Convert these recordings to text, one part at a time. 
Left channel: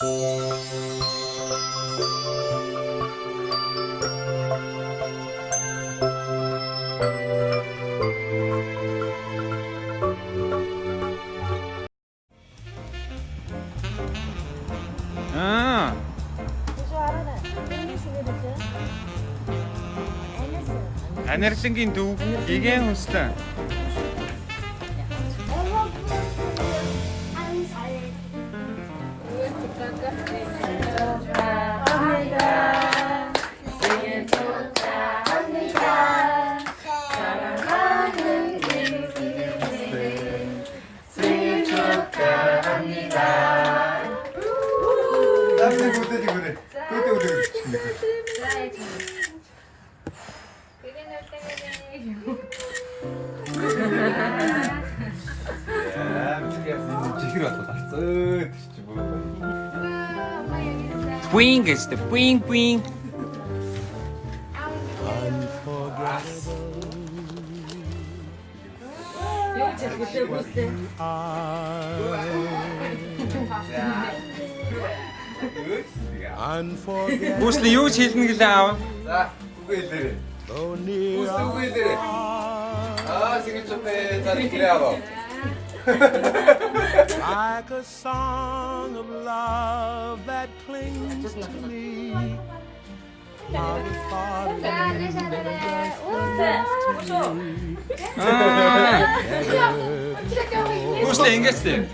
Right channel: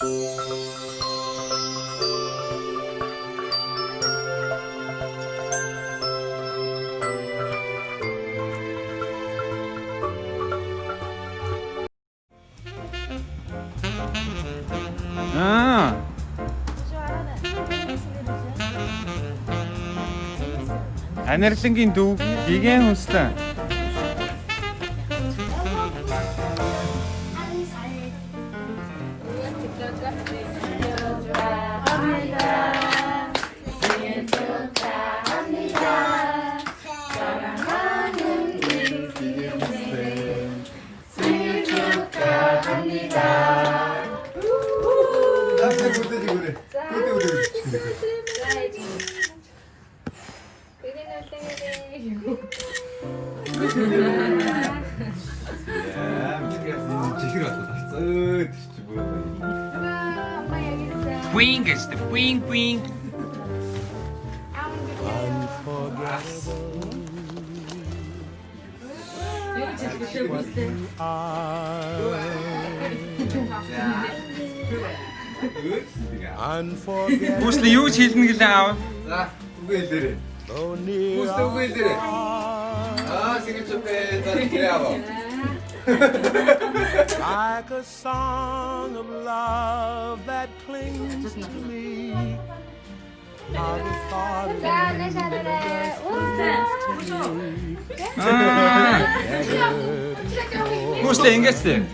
아, анарсан гин дүү гигэн хүссэн. 뿌잉 했어. 뿌잉 뿌잉. Үслэ юу ч хэлнэ гэлээ аав. За, үгүй хэлээрэй. Үгүй хэлээрэй. Sige чопе дадгиаво. Like a song of love that clings to me. How the thought of you just brings to me. Never before үслэ ингэсэн.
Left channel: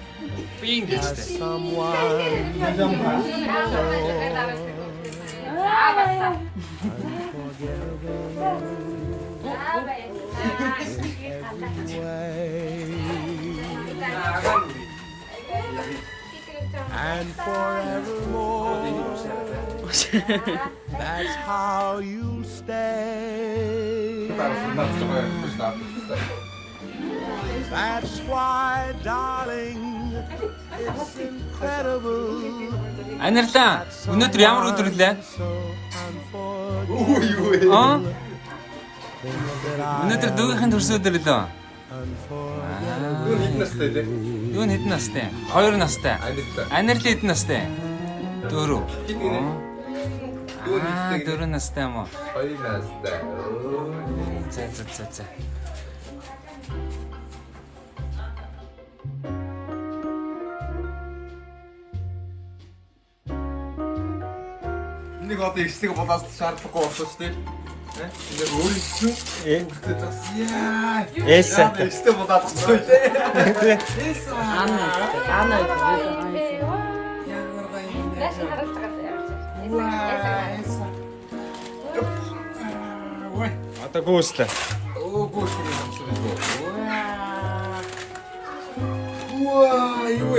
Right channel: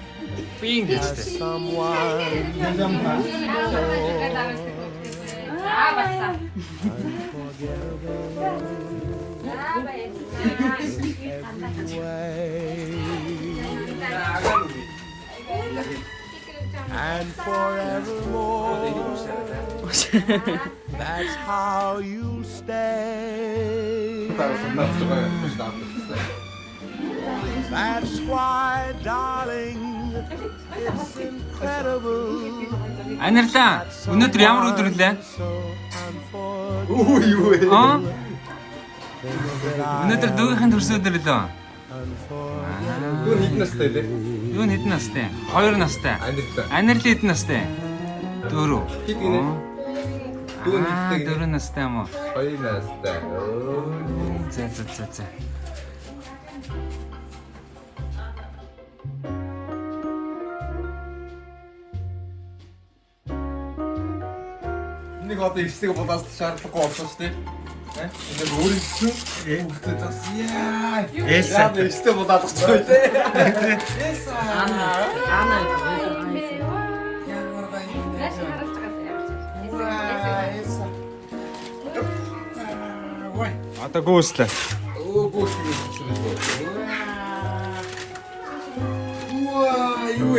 뿌잉 has 했어. someone every way. And forevermore, that's how you stay. That's why, darling, it's incredible. 안арсан. өнөөдөр ямар өдөр вэ? So unforgettable. 어? Things that I өнөөдөр дүүгийн төрс өдөр лөө. unforgettable. Юу хэдэн настай? 2 настай. Анарл хэдэн настай? 4. Аа, 4 настай юм уу? 저희 나스다. За. Энийг одоо ихсэг бодоос шаардлагагүй болсон шүү дээ. Ингээд өөрийнхөө өөртөө бас яа. Элса. Ихсэг бодоод очсон тий. Элса. Одоо гүйслээ. Ого, 우와, 이거 왜?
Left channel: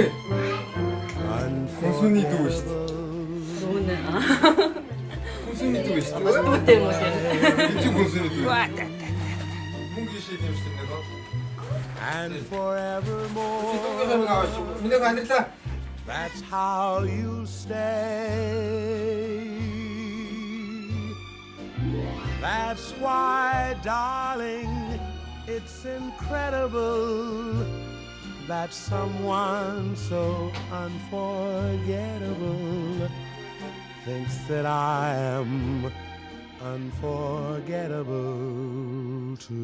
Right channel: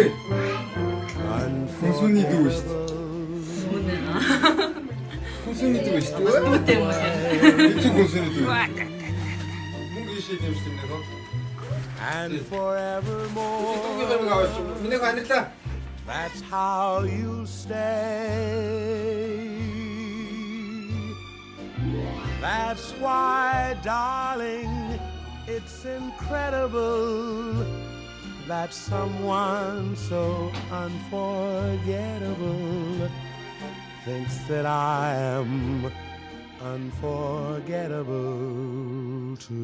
고순이 두고 있어. 고순이 두고 있어. 그치, 고순이 두고 있어. 문기시 되시는 거? And forevermore, 이거는 가가지고. 민혜가 안 됐다. that's how you stay. That's why, darling, it's incredible that someone so unforgettable thinks that I am unforgettable too.